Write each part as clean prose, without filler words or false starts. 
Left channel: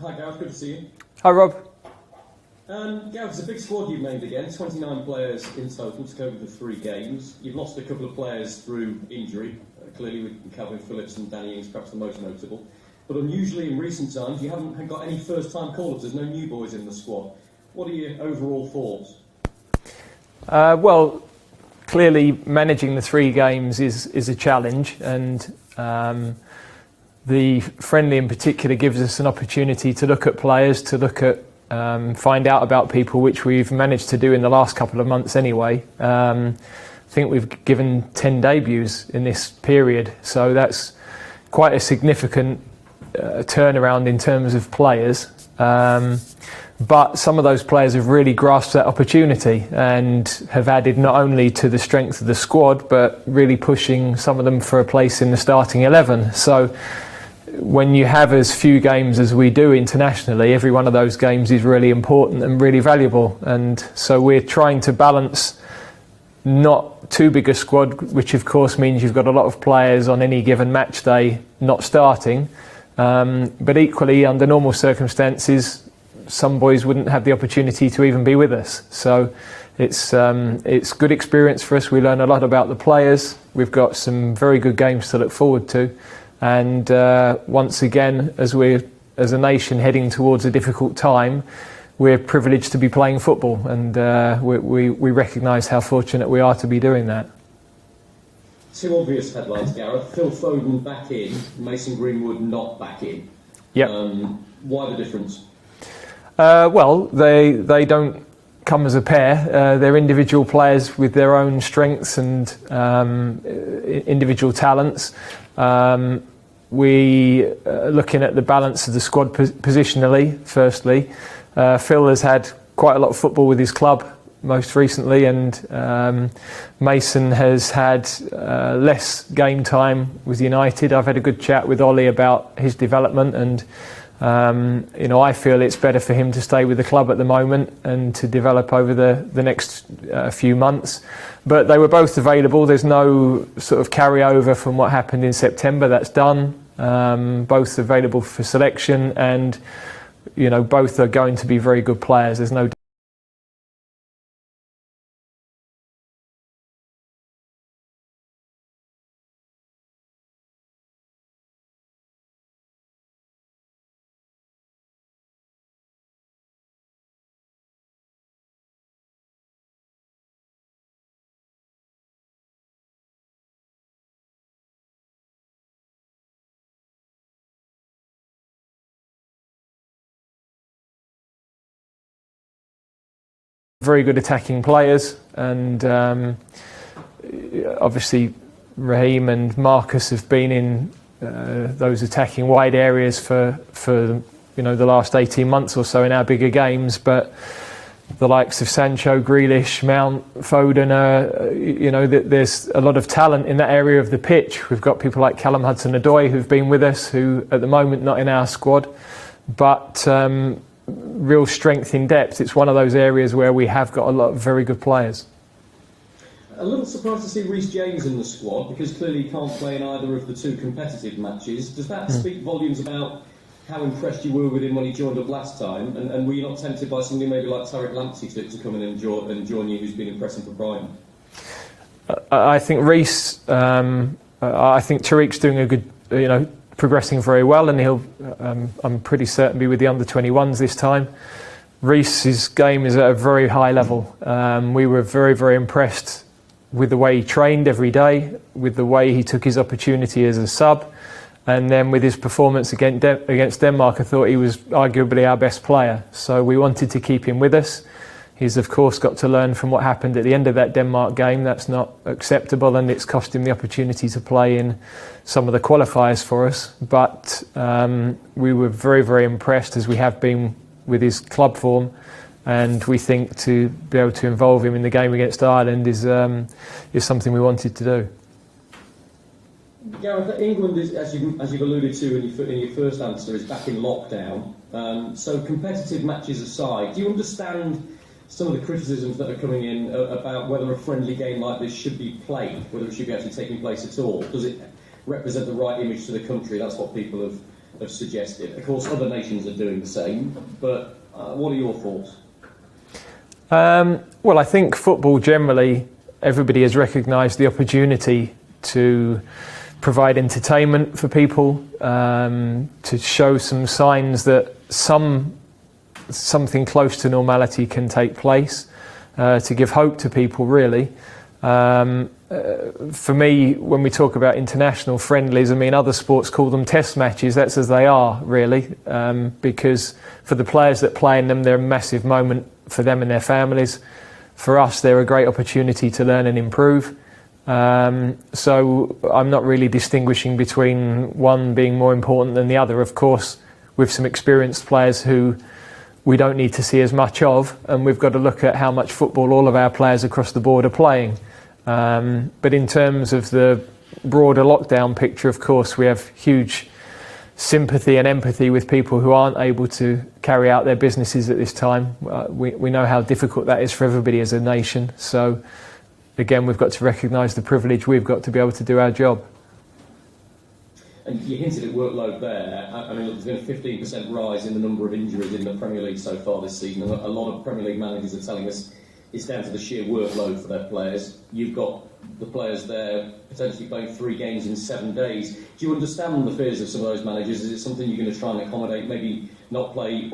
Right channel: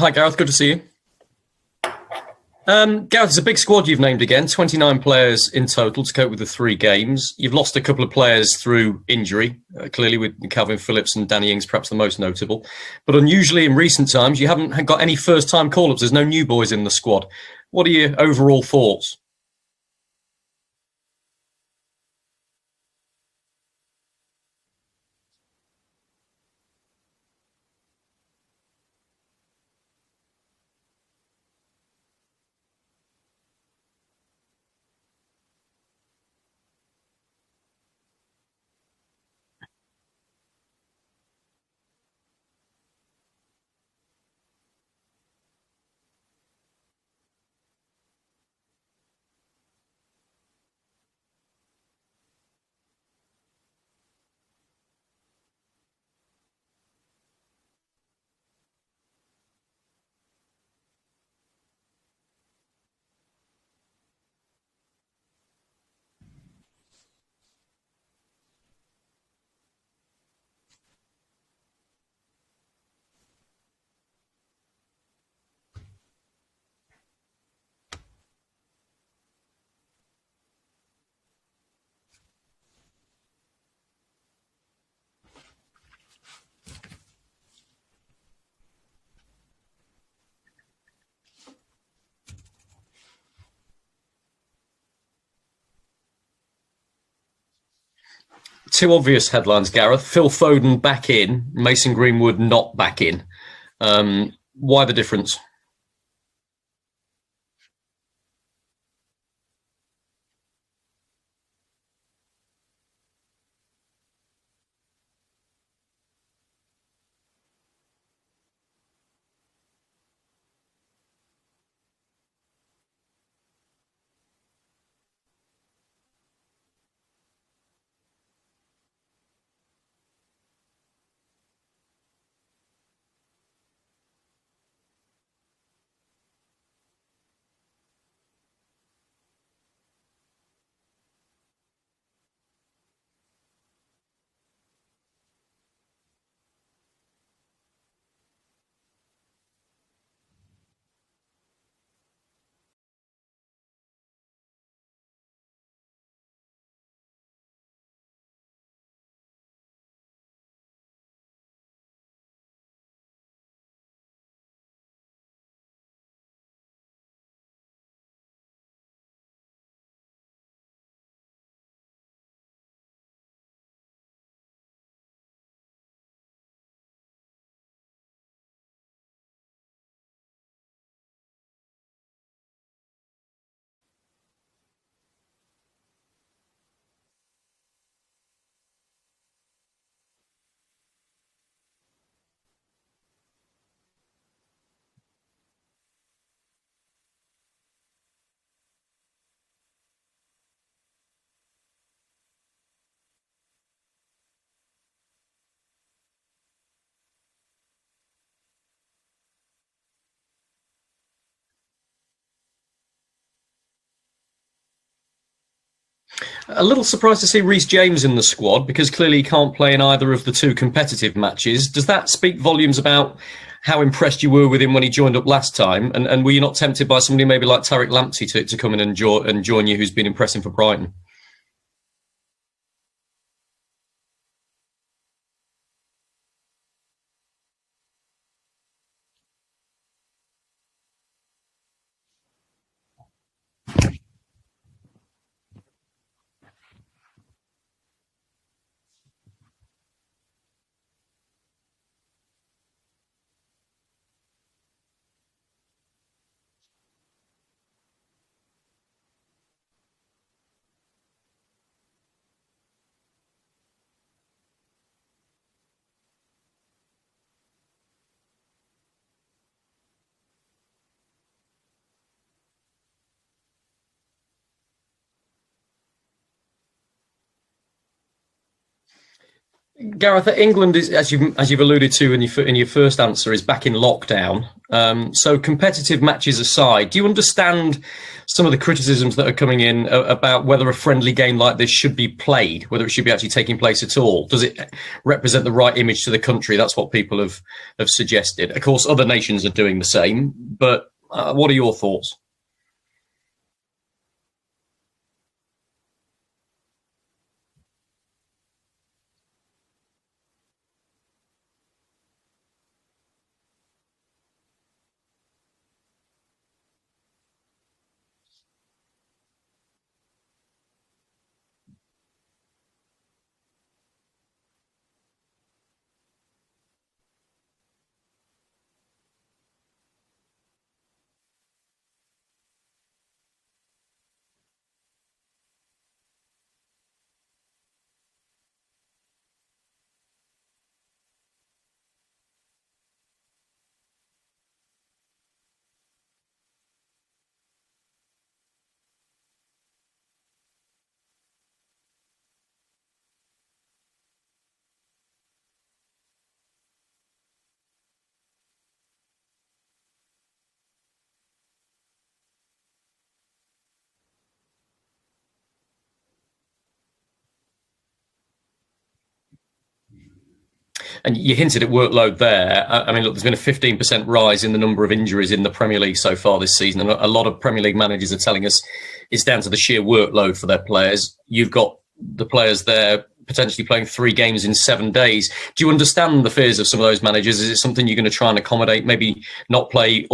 Hi, Gareth. Good to see you. Hi, Rob. Gareth, it's a big squad you've named again. 29 players in total to cope with the 3 games. You've lost a couple of players through injury, clearly with Calvin Phillips and Danny Ings perhaps the most notable. But unusually in recent times, you haven't got any first-time call-ups. There's no new boys in the squad. What are your overall thoughts? Well, clearly managing the 3 games is a challenge, and the friendly in particular gives us an opportunity to look at players, to look at find out about people, which we've managed to do in the last couple of months anyway. I think we've given 10 debuts in this period, so that's quite a significant turnaround in terms of players. But some of those players have really grasped that opportunity and have added not only to the strength of the squad, but really pushing some of them for a place in the starting 11. So when you have as few games as we do internationally, every one of those games is really important and really valuable. And so we're trying to balance not too big a squad, which of course means you've got a lot of players on any given match day not starting. But equally, under normal circumstances, some boys wouldn't have the opportunity to even be with us. So it's good experience for us. We learn a lot about the players. We've got some very good games to look forward to. And once again, as a nation heading towards a difficult time, we're privileged to be playing football, and we recognise how fortunate we are to be doing that. 2 obvious headlines, Gareth. Phil Foden back in, Mason Greenwood not back in. Yep. Why the difference? Well, they don't come as a pair. They're individual players with their own strengths and individual talents. We are looking at the balance of the squad positionally, firstly. Phil has had quite a lot of football with his club most recently, and Mason has had less game time with United. I've had a good chat with Ollie about his development, and I feel it's better for him to stay with the club at the moment and to develop over the next few months. But they were both available. There's no sort of carryover from what happened in September. That's done. Both available for selection, and both are going to be very good players. There's no very good attacking players, and obviously Raheem and Marcus have been in those attacking wide areas for the last 18 months or so in our bigger games. But the likes of Sancho, Grealish, Mount, Foden, there's a lot of talent in that area of the pitch. We've got people like Callum Hudson-Odoi who've been with us, who at the moment not in our squad, but real strength in depth. It's one of those areas where we have got a lot of very good players. A little surprised to see Reece James in the squad, because clearly he can't play in either of the 2 competitive matches. Does that speak volumes about how impressed you were with him when he joined up last time? And were you not tempted by somebody maybe like Tariq Lamptey to come in and join you, who's been impressing for Brighton? I think Reece, I think Tariq's doing a good, progressing very well, and he'll, I'm pretty certain, be with the under-21s this time. Reece's game is at a very high level. We were very, very impressed with the way he trained every day, with the way he took his opportunity as a sub, and then with his performance against Denmark. I thought he was arguably our best player, so we wanted to keep him with us. He's of course got to learn from what happened at the end of that Denmark game. That's not acceptable, and it's cost him the opportunity to play in some of the qualifiers for us. But we were very, very impressed, as we have been, with his club form, and we think to be able to involve him in the game against Ireland is something we wanted to do. Gareth, England is, as you've alluded to in your first answer, is back in lockdown. So competitive matches aside, do you understand some of the criticisms that are coming in about whether a friendly game like this should be played, whether it should be actually taking place at all. Does it represent the right image to the country? That's what people have suggested. Of course, other nations are doing the same, but what are your thoughts? Well, I think football generally, everybody has recognised the opportunity to provide entertainment for people, to show some signs that something close to normality can take place, to give hope to people, really. For me, when we talk about international friendlies, I mean, other sports call them test matches. That's as they are, really, because for the players that play in them, they're a massive moment for them and their families. For us, they're a great opportunity to learn and improve. So I'm not really distinguishing between one being more important than the other. Of course, with some experienced players who we don't need to see as much of, and we've got to look at how much football all of our players across the board are playing. But in terms of the broader lockdown picture, of course, we have huge sympathy and empathy with people who aren't able to carry out their businesses at this time. We know how difficult that is for everybody as a nation. So, again, we've got to recognise the privilege we've got to be able to do our job. And you hinted at workload there. I mean, look, there's been a 15% rise in the number of injuries in the Premier League so far this season. And a lot of Premier League managers are telling us it's down to the sheer workload for their players. You've got the players there potentially playing 3 games in 7 days. Do you understand the fears of some of those managers? Is it something you're going to try and accommodate, maybe not play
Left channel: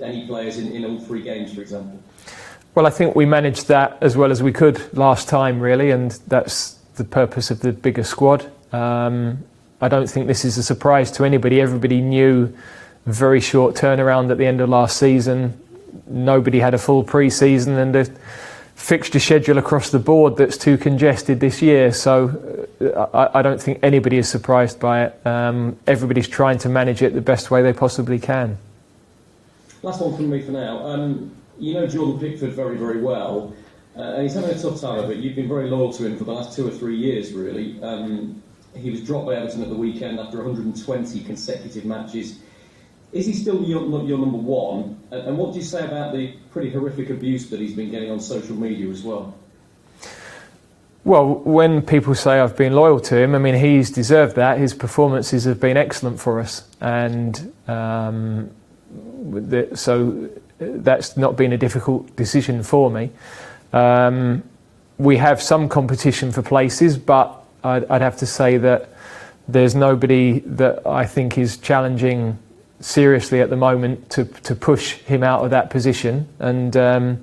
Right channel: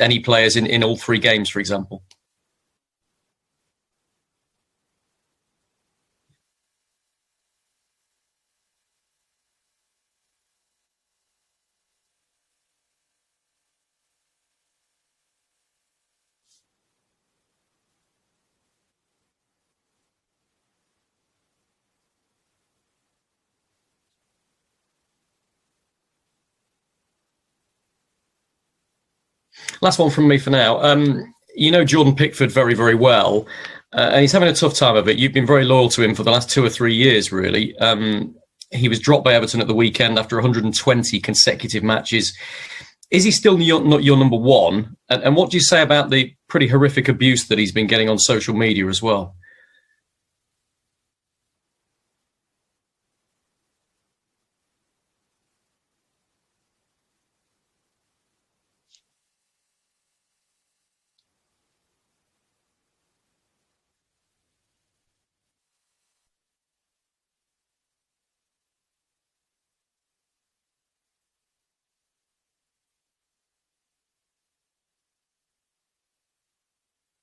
any players in all 3 games, for example? Well, I think we managed that as well as we could last time, really, and that's the purpose of the bigger squad. I don't think this is a surprise to anybody. Everybody knew a very short turnaround at the end of last season. Nobody had a full pre-season and a fixture schedule across the board that's too congested this year. So I don't think anybody is surprised by it. Everybody's trying to manage it the best way they possibly can. Last one from me for now. You know Jordan Pickford very, very well. And he's having a tough time of it. You've been very loyal to him for the last 2 or 3 years, really. He was dropped by Everton at the weekend after 120 consecutive matches. Is he still not your number one? And what do you say about the pretty horrific abuse that he's been getting on social media as well? Well, when people say I've been loyal to him, I mean, he's deserved that. His performances have been excellent for us. And so that's not been a difficult decision for me. We have some competition for places, but I'd have to say that there's nobody that I think is challenging seriously at the moment to push him out of that position. And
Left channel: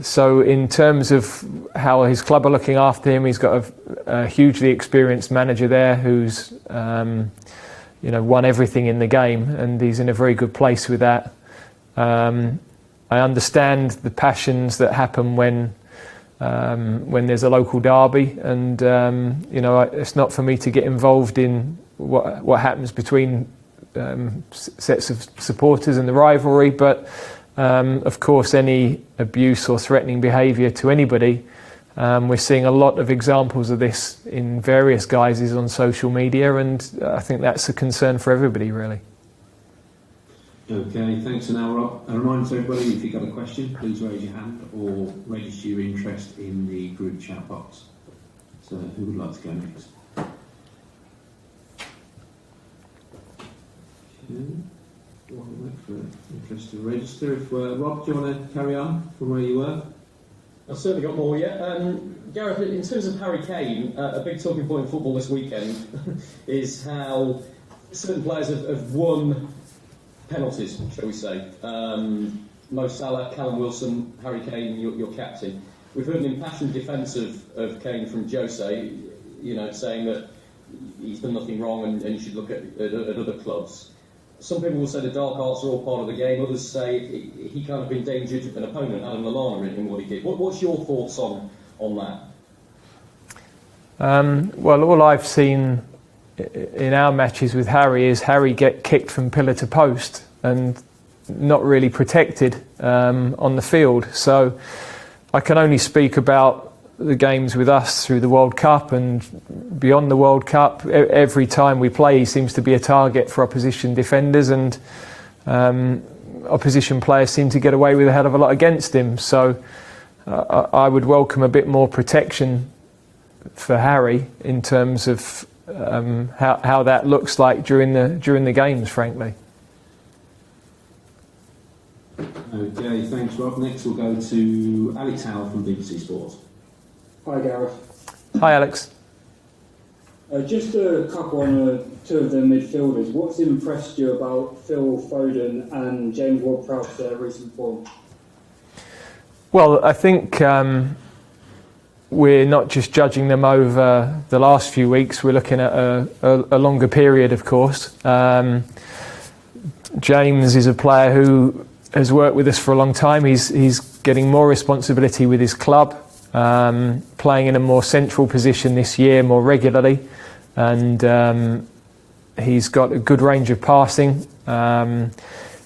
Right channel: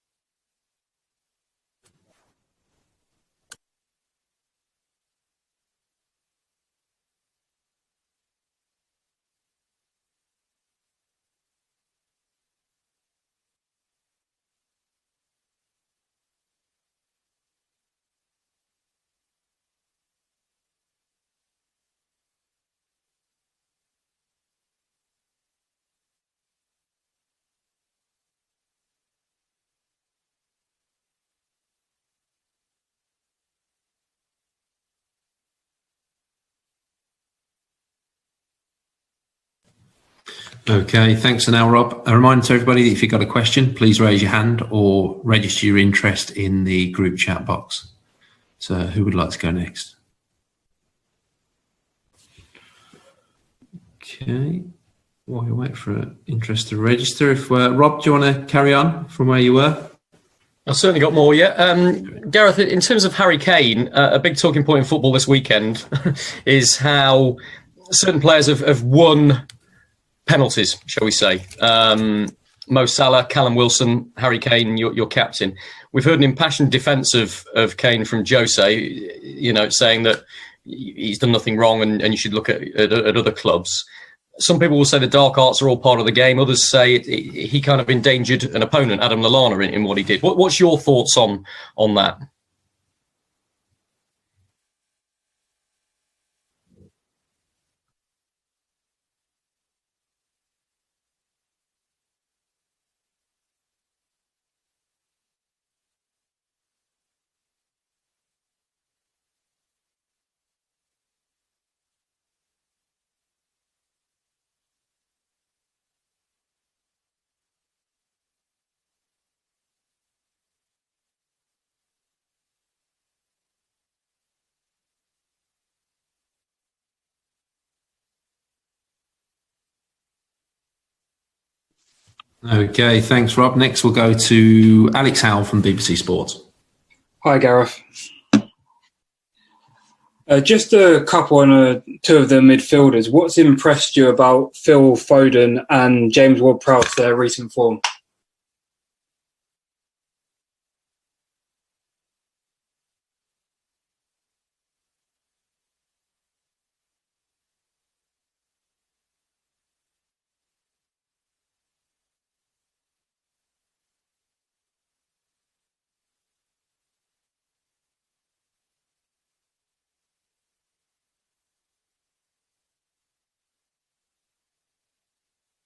so in terms of how his club are looking after him, he's got a hugely experienced manager there who's won everything in the game, and he's in a very good place with that. I understand the passions that happen when there's a local derby, and it's not for me to get involved in what happens between sets of supporters and the rivalry, but of course any abuse or threatening behaviour to anybody, we're seeing a lot of examples of this in various guises on social media, and I think that's a concern for everybody, really. Okay, thanks for now, Rob. A reminder to everybody that if you've got a question, please raise your hand or register your interest in the group chat box. So who would like to go next? Okay, while you wait for interest to register, if Rob, do you want to carry on from where you were? I've certainly got more, yeah. Gareth, in terms of Harry Kane, a big talking point in football this weekend is how certain players have won penalties, shall we say. Mo Salah, Callum Wilson, Harry Kane, your captain. We've heard an impassioned defence of Kane from Jose, saying that he's done nothing wrong and you should look at other clubs. Some people will say the dark arts are all part of the game. Others say he kind of endangered an opponent, Adam Lallana, in what he did. What's your thoughts on that? Well, all I've seen in our matches with Harry is Harry get kicked from pillar to post and not really protected on the field. So I can only speak about the games with us through the World Cup and beyond the World Cup. Every time we play, he seems to be a target for opposition defenders, and opposition players seem to get away with a hell of a lot against him. So I would welcome a bit more protection for Harry in terms of how that looks like during the games, frankly. Okay, thanks, Rob. Next, we'll go to Alex Howell from BBC Sports. Hi, Gareth. Hi, Alex. Just a couple on two of the midfielders. What's impressed you about Phil Foden and James Ward-Prowse, their recent form? Well, I think we're not just judging them over the last few weeks. We're looking at a longer period, of course. James is a player who has worked with us for a long time. He's getting more responsibility with his club, playing in a more central position this year more regularly, and he's got a good range of passing.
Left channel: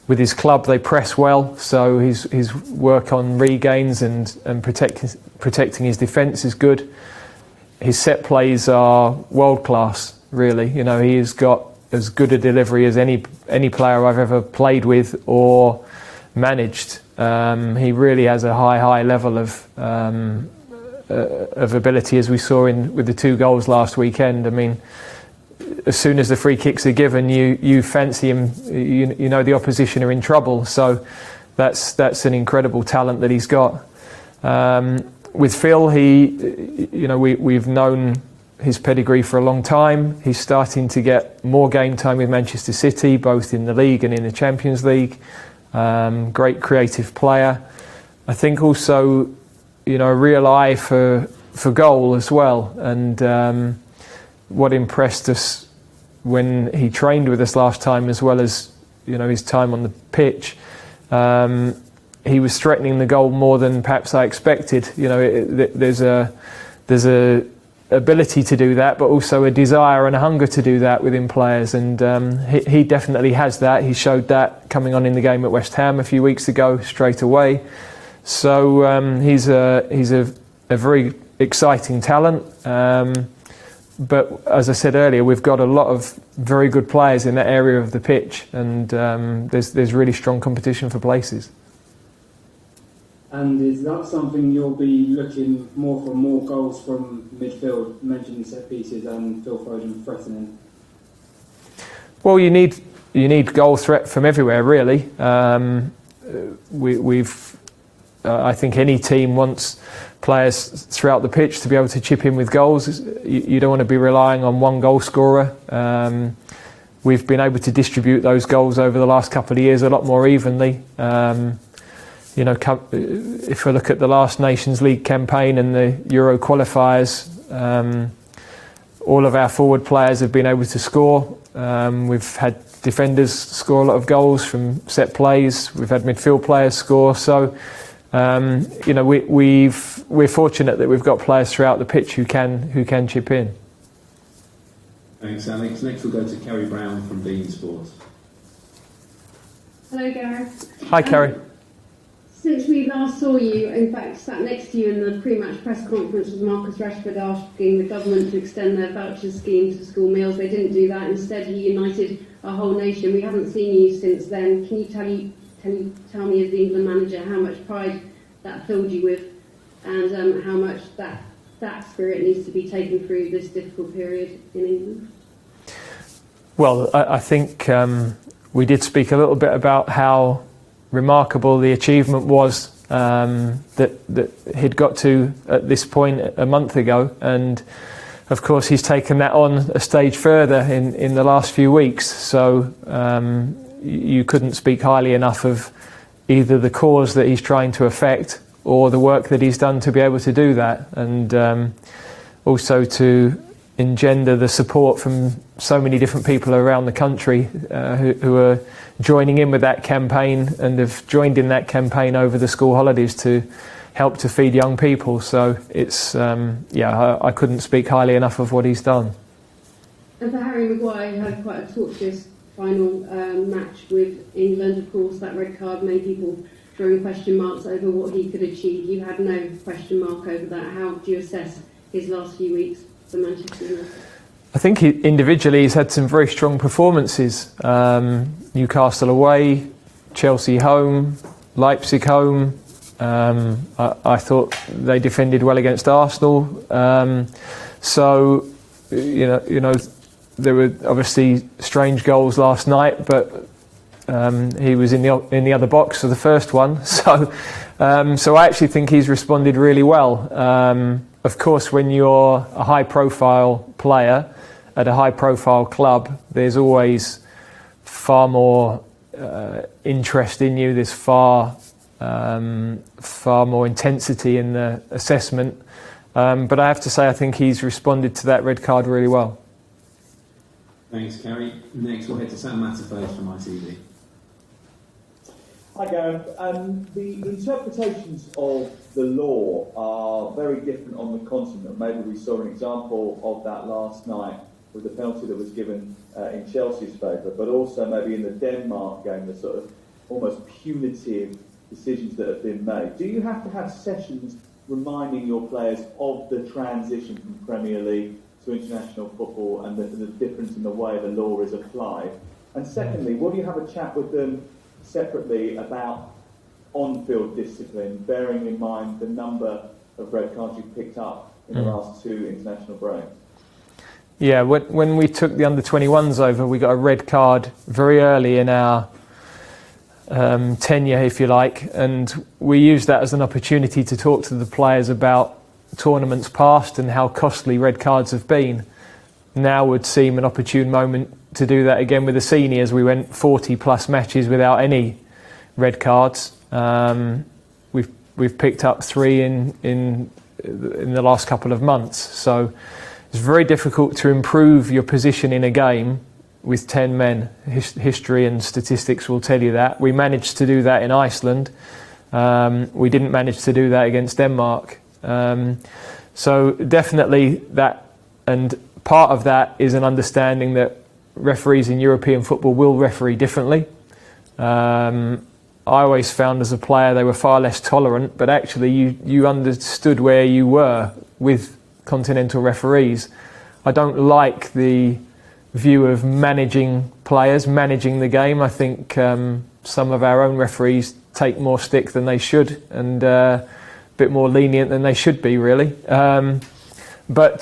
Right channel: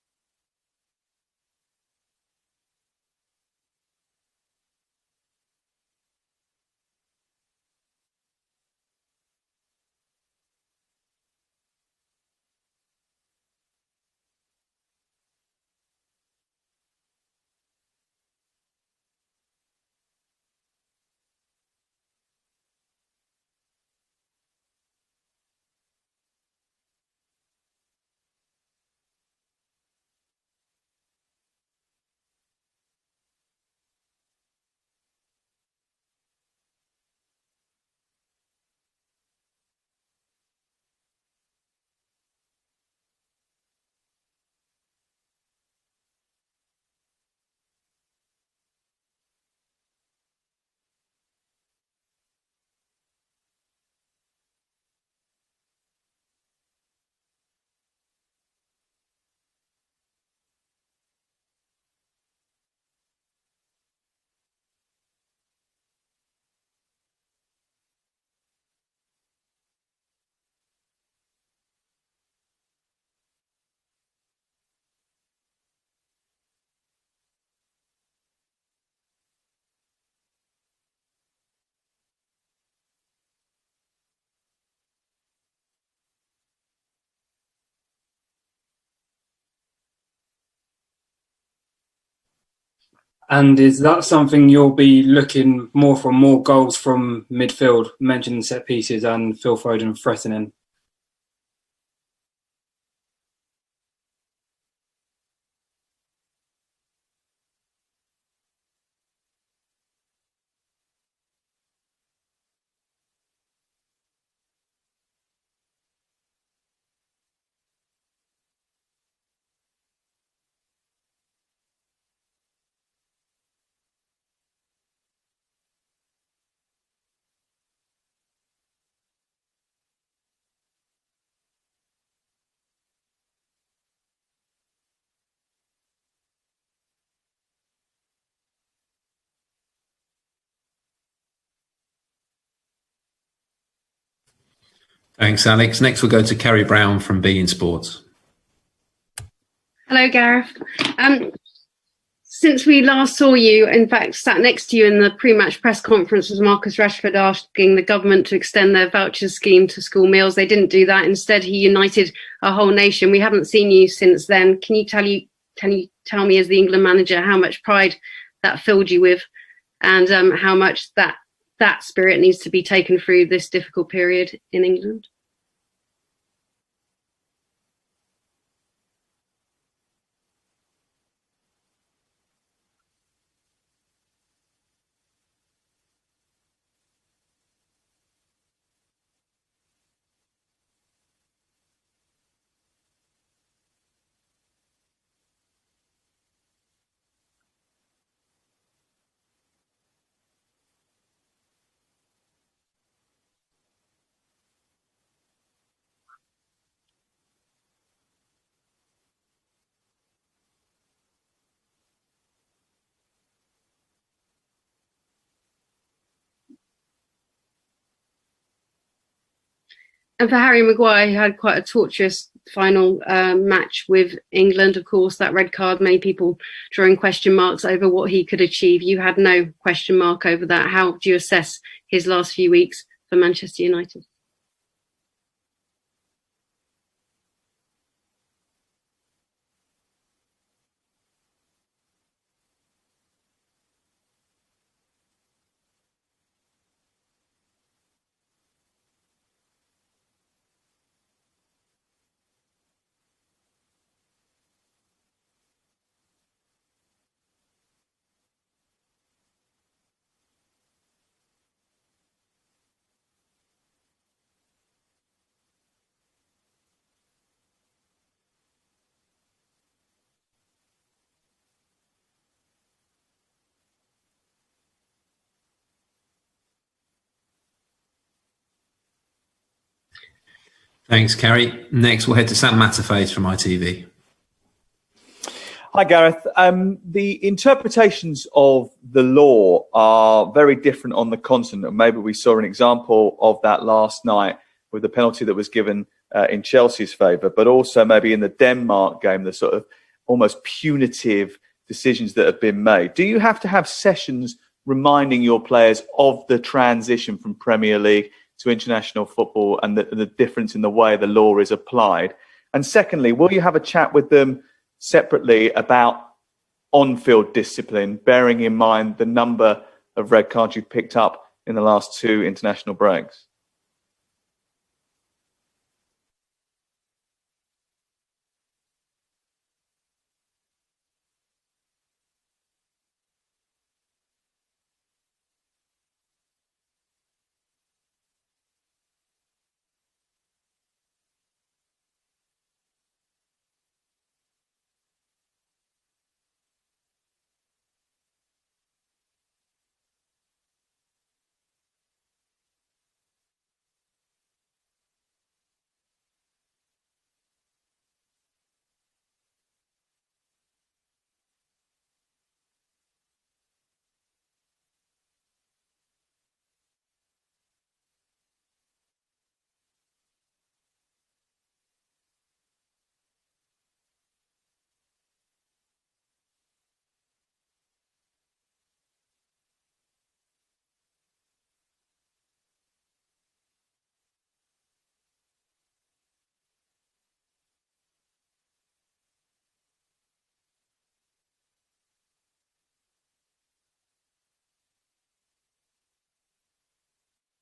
With his club, they press well, so his work on regains and protecting his defence is good. His set plays are world class, really. You know, he's got as good a delivery as any player I've ever played with or managed. He really has a high level of ability, as we saw with the 2 goals last weekend. I mean, as soon as the free kicks are given, you fancy him. You know the opposition are in trouble. So that's an incredible talent that he's got. With Phil, we've known his pedigree for a long time. He's starting to get more game time with Manchester City, both in the league and in the Champions League. Great creative player. I think also, a real eye for goal as well. And what impressed us when he trained with us last time, as well as his time on the pitch, he was threatening the goal more than perhaps I expected. There's a ability to do that, but also a desire and a hunger to do that within players, and he definitely has that. He showed that coming on in the game at West Ham a few weeks ago straight away. So he's a very exciting talent. But as I said earlier, we've got a lot of very good players in that area of the pitch, and there's really strong competition for places. And is that something you'll be looking more for, more goals from midfield, mentioning set pieces and Phil Foden threatening? Well, you need goal threat from everywhere, really. I think any team wants players throughout the pitch to be able to chip in with goals. You don't want to be relying on one goal scorer. We've been able to distribute those goals over the last couple of years a lot more evenly. If we look at the last Nations League campaign and the Euro qualifiers, all of our forward players have been able to score. We've had defenders score a lot of goals from set plays. We've had midfield players score. So, we're fortunate that we've got players throughout the pitch who can chip in. Thanks, Alex. Next, we'll go to Kerry Brown from beIN Sports. Hello, Gareth. Hi, Kerry. Since we last saw you, in fact, sat next to you in the pre-match press conference was Marcus Rashford asking the government to extend their voucher scheme to school meals. They didn't do that. Instead, he united a whole nation. We haven't seen you since then. Can you tell me, as the England manager, how much pride that filled you with, and how much that spirit needs to be taken through this difficult period in England? Well, I think we did speak a little bit about how remarkable the achievement was that he'd got to at this point a month ago, and of course he's taken that on a stage further in the last few weeks. So you couldn't speak highly enough of either the cause that he's trying to affect or the work that he's done to be able to do that, and also to engender the support from so many different people around the country who are joining in with that campaign and have joined in that campaign over the school holidays to help to feed young people. So it's, I couldn't speak highly enough of what he's done. And for Harry Maguire, who had quite a tortuous final match with England, of course, that red card, many people drawing question marks over what he could achieve. You had no question mark over that. How do you assess his last few weeks for Manchester United? I think individually he's had some very strong performances. Newcastle away, Chelsea home, Leipzig home. I thought they defended well against Arsenal. So, you know, there were obviously strange goals last night, but he was in the other box for the first one. So I actually think he's responded really well. Of course, when you're a high-profile player at a high-profile club, there's always far more interest in you. There's far more intensity in the assessment. But I have to say, I think he's responded to that red card really well. Thanks, Kerry. Next, we'll head to Sam Matterface from ITV. Hi, Gareth. The interpretations of the law are very different on the continent. Maybe we saw an example of that last night with the penalty that was given in Chelsea's favour, but also maybe in the Denmark game, the sort of almost punitive decisions that have been made. Do you have to have sessions reminding your players of the transition from Premier League to international football and the difference in the way the law is applied? And secondly, will you have a chat with them separately about on-field discipline, bearing in mind the number of red cards you've picked up in the last 2 international breaks? Yeah, when we took the under-21s over, we got a red card very early in our tenure, if you like, and we used that as an opportunity to talk to the players about tournaments past and how costly red cards have been. Now would seem an opportune moment to do that again with the seniors. We went 40 plus matches without any red cards. We've picked up 3 in the last couple of months. So it's very difficult to improve your position in a game with 10 men. History and statistics will tell you that. We managed to do that in Iceland. We didn't manage to do that against Denmark. So definitely that, and part of that is an understanding that referees in European football will referee differently. I always found as a player they were far less tolerant, but actually you understood where you were with continental referees. I don't like the view of managing players, managing the game. I think some of our own referees take more stick than they should and a bit more lenient than they should be, really. But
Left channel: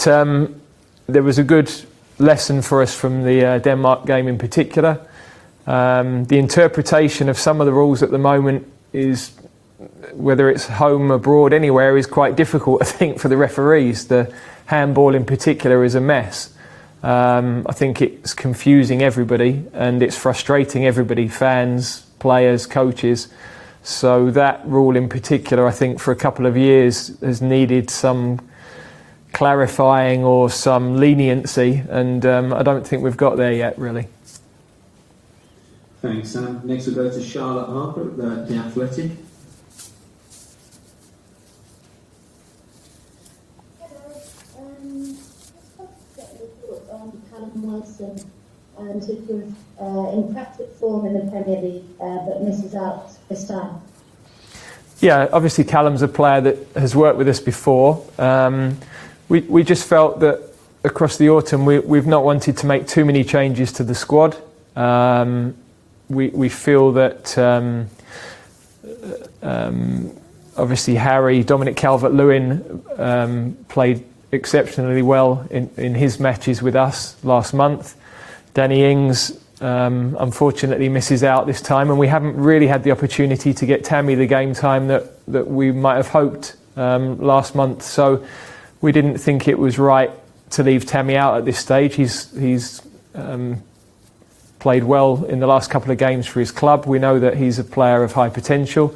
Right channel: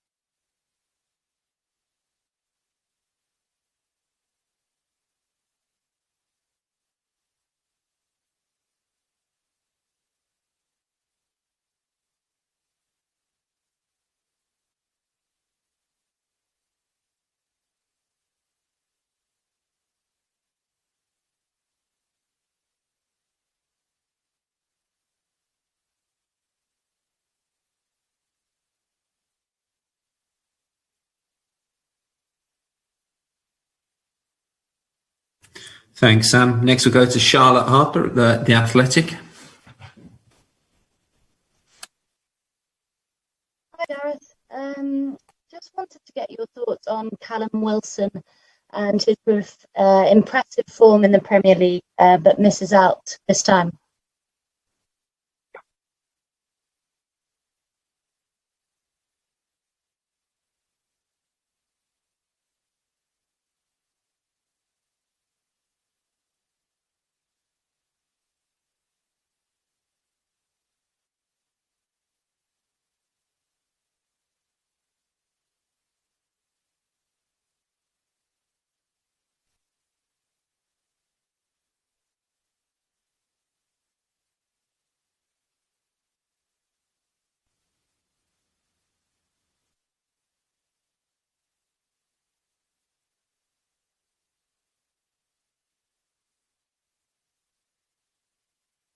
there was a good lesson for us from the Denmark game in particular. The interpretation of some of the rules at the moment is, whether it's home, abroad, anywhere, is quite difficult, I think, for the referees. The handball in particular is a mess. I think it's confusing everybody and it's frustrating everybody, fans, players, coaches. So that rule in particular, I think, for a couple of years has needed some clarifying or some leniency, and I don't think we've got there yet, really. Thanks, Sam. Next, we'll go to Charlotte Harper at The Athletic. Hi, Gareth. Just wanted to get your thoughts on Callum Wilson and his impressive form in the Premier League, but misses out this time. Yeah, obviously Callum's a player that has worked with us before. We just felt that across the autumn we've not wanted to make too many changes to the squad. We feel that obviously Dominic Calvert-Lewin played exceptionally well in his matches with us last month. Danny Ings unfortunately misses out this time, and we haven't really had the opportunity to get Tammy the game time that we might have hoped last month. So we didn't think it was right to leave Tammy out at this stage. He's played well in the last couple of games for his club. We know that he's a player of high potential.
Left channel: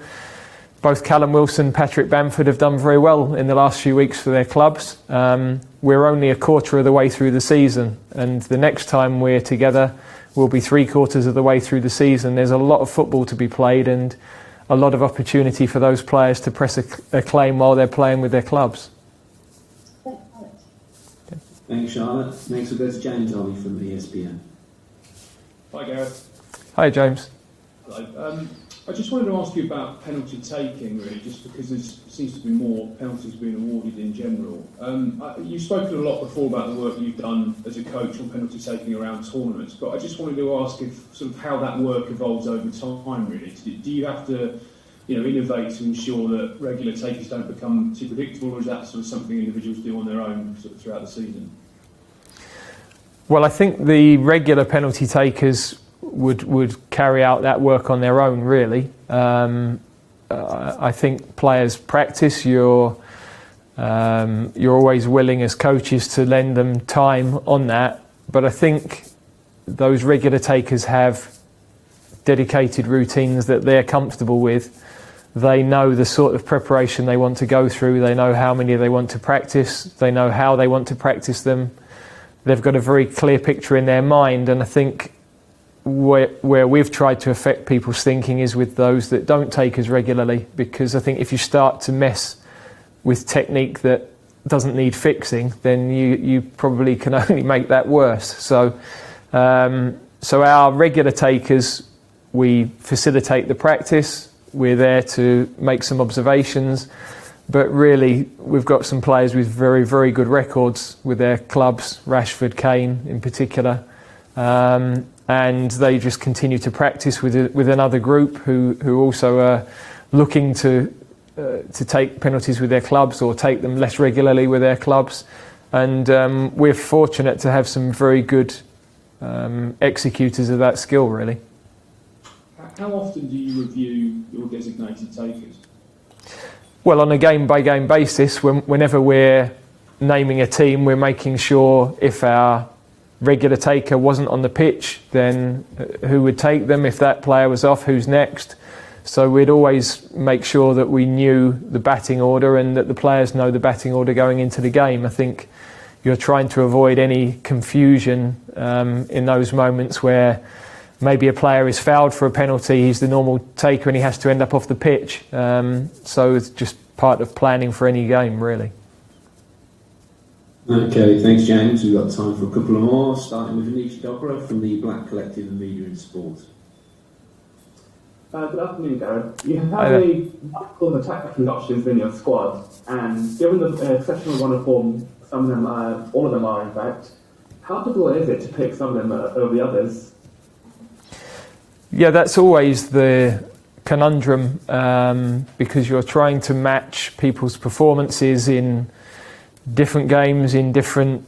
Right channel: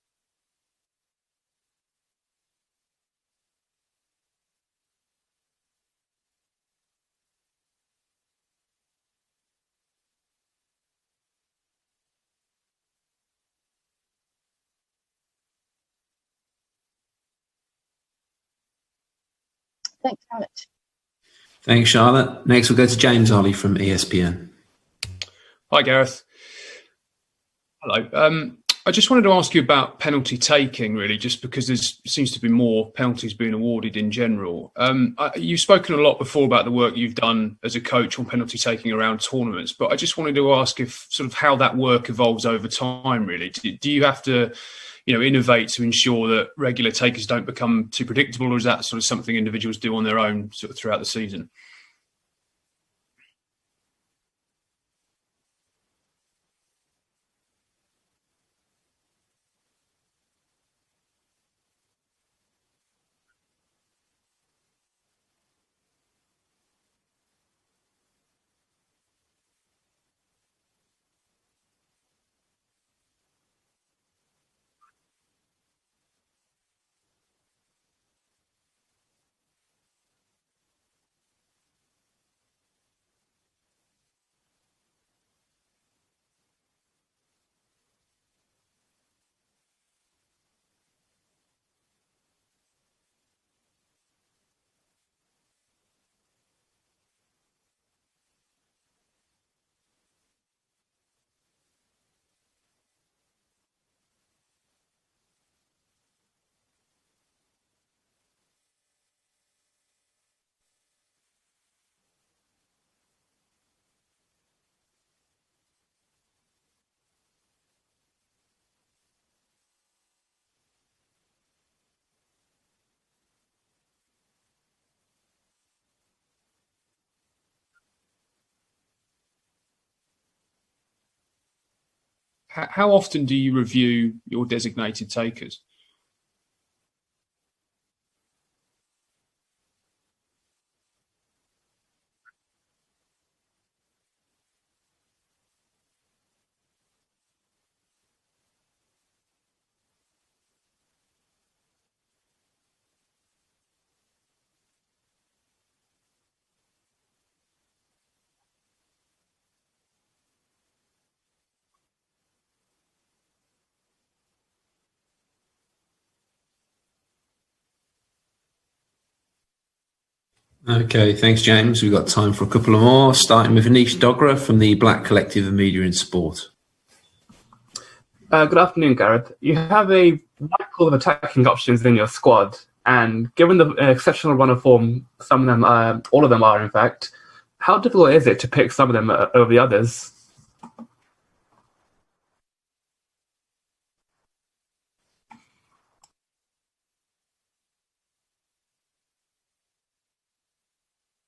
Both Callum Wilson and Patrick Bamford have done very well in the last few weeks for their clubs. We're only a quarter of the way through the season, and the next time we're together we'll be 3/4 of the way through the season. There's a lot of football to be played and a lot of opportunity for those players to press a claim while they're playing with their clubs. Thanks so much. Thanks, Charlotte. Next, we'll go to James Ollie from ESPN. Hi, Gareth. Hi, James. Hello. I just wanted to ask you about penalty taking, really, just because there seems to be more penalties being awarded in general. You've spoken a lot before about the work you've done as a coach on penalty taking around tournaments, but I just wanted to ask if sort of how that work evolves over time, really. Do you have to, innovate to ensure that regular takers don't become too predictable, or is that sort of something individuals do on their own sort of throughout the season? Well, I think the regular penalty takers would carry out that work on their own, really. I think players practice. You're always willing as coaches to lend them time on that, but I think those regular takers have dedicated routines that they're comfortable with. They know the sort of preparation they want to go through. They know how many they want to practice. They know how they want to practice them. They've got a very clear picture in their mind, and I think where we've tried to affect people's thinking is with those that don't take as regularly, because I think if you start to mess with technique that doesn't need fixing, then you probably can only make that worse. So our regular takers, we facilitate the practice. We're there to make some observations, but really we've got some players with very, very good records with their clubs, Rashford, Kane in particular. And they just continue to practice with another group who also are looking to take penalties with their clubs or take them less regularly with their clubs. And we're fortunate to have some very good executors of that skill, really. How often do you review your designated takers? Well, on a game-by-game basis, whenever we're naming a team, we're making sure if our regular taker wasn't on the pitch, then who would take them? If that player was off, who's next? So we'd always make sure that we knew the batting order and that the players know the batting order going into the game. I think you're trying to avoid any confusion in those moments where maybe a player is fouled for a penalty, he's the normal taker and he has to end up off the pitch. So it's just part of planning for any game, really. Okay, thanks, James. We've got time for a couple of more, starting with Anish Dogra from the Black Collective of Media in Sport. Good afternoon, Gareth. You have a wide pool of attacking options in your squad, and given the exceptional run of form, some of them, all of them are in fact, how difficult is it to pick some of them over the others? Yeah, that's always the conundrum, because you're trying to match people's performances in different games, in different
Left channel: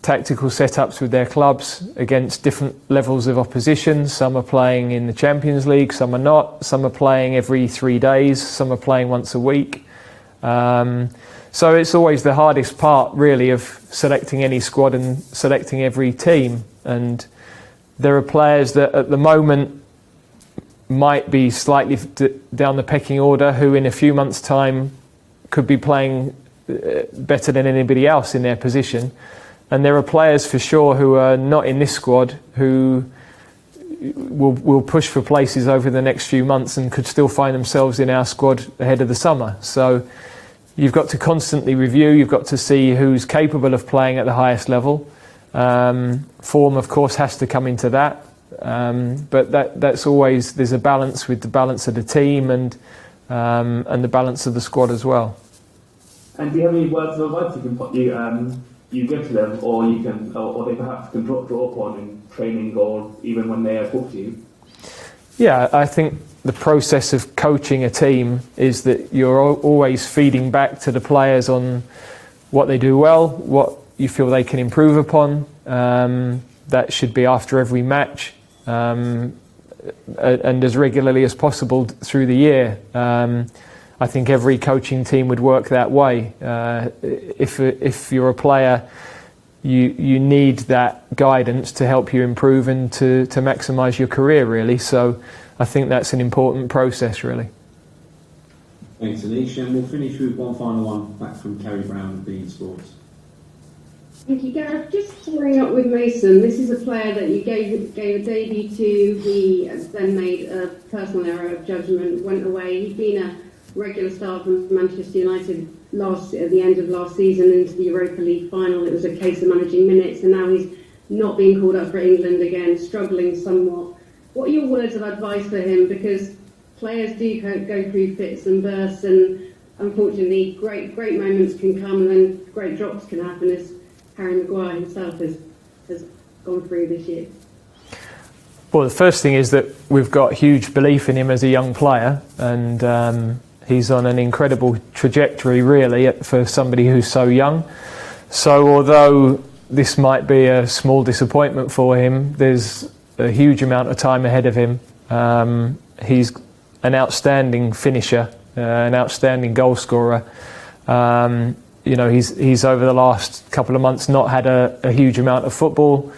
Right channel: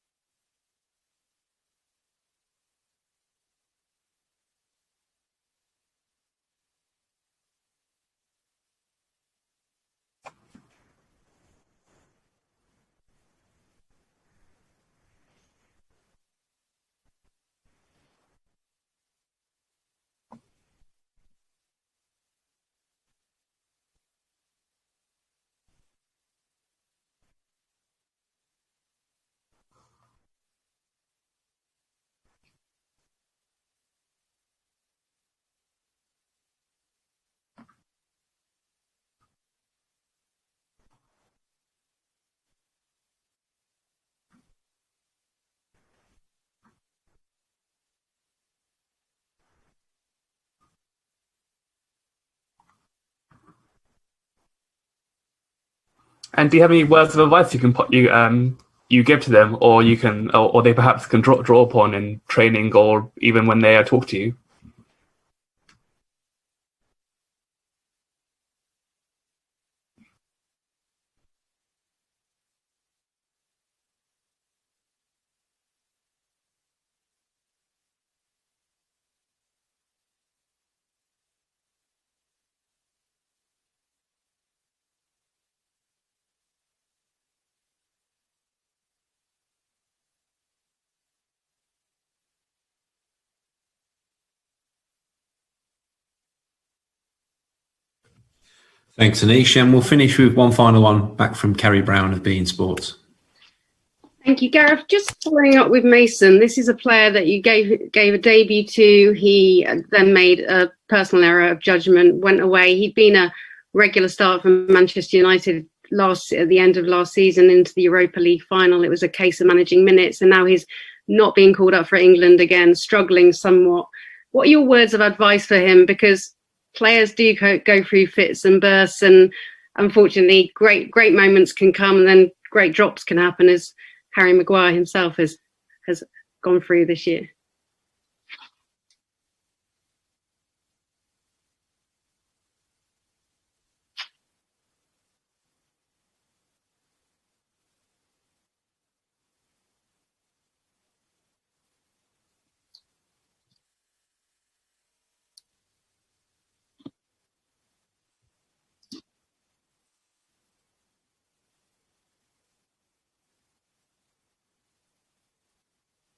tactical setups with their clubs against different levels of opposition. Some are playing in the Champions League, some are not. Some are playing every 3 days, some are playing once a week. So it's always the hardest part, really, of selecting any squad and selecting every team. And there are players that at the moment might be slightly down the pecking order who in a few months' time could be playing better than anybody else in their position. And there are players for sure who are not in this squad who will push for places over the next few months and could still find themselves in our squad ahead of the summer. So you've got to constantly review, you've got to see who's capable of playing at the highest level. Form, of course, has to come into that. But that's always, there's a balance with the balance of the team and the balance of the squad as well. And do you have any words of advice you give to them, or you can, or they perhaps can draw upon in training or even when they talk to you? Yeah, I think the process of coaching a team is that you're always feeding back to the players on what they do well, what you feel they can improve upon. That should be after every match, and as regularly as possible through the year. I think every coaching team would work that way. If you're a player, you need that guidance to help you improve and to maximise your career, really. So I think that's an important process, really. Thanks, Anish. And we'll finish with one final one back from Kerry Brown of beIN Sports. Thank you, Gareth. Just following up with Mason, this is a player that you gave a debut to. He then made a personal error of judgment, went away. He'd been a regular start for Manchester United at the end of last season into the Europa League final. It was a case of managing minutes, and now he's not being called up for England again, struggling somewhat. What are your words of advice for him? Because players do go through fits and bursts, and unfortunately, great moments can come, and then great drops can happen, as Harry Maguire himself has gone through this year. Well, the first thing is that we've got huge belief in him as a young player, and he's on an incredible trajectory, really, for somebody who's so young. So although this might be a small disappointment for him, there's a huge amount of time ahead of him. He's an outstanding finisher, an outstanding goal scorer. He's over the last couple of months not had a huge amount of football,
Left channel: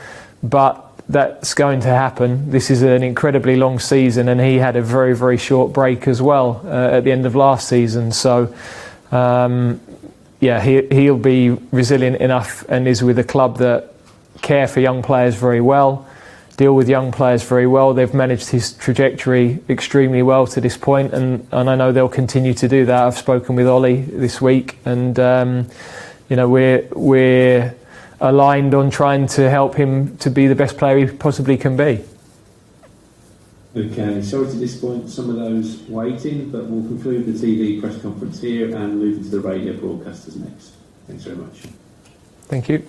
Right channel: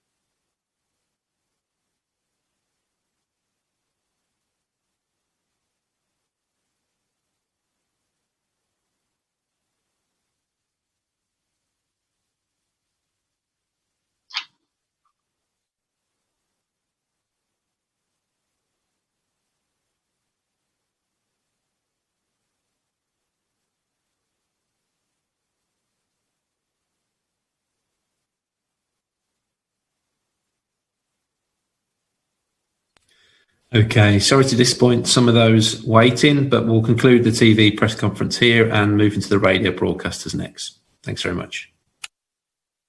but that's going to happen. This is an incredibly long season, and he had a very, very short break as well at the end of last season. So, he'll be resilient enough, and is with a club that care for young players very well, deal with young players very well. They've managed his trajectory extremely well to this point, and I know they'll continue to do that. I've spoken with Ollie this week, and we're aligned on trying to help him to be the best player he possibly can be. Okay, sorry to disappoint some of those waiting, but we'll conclude the TV press conference here and move into the radio broadcasters next. Thanks very much. Thank you.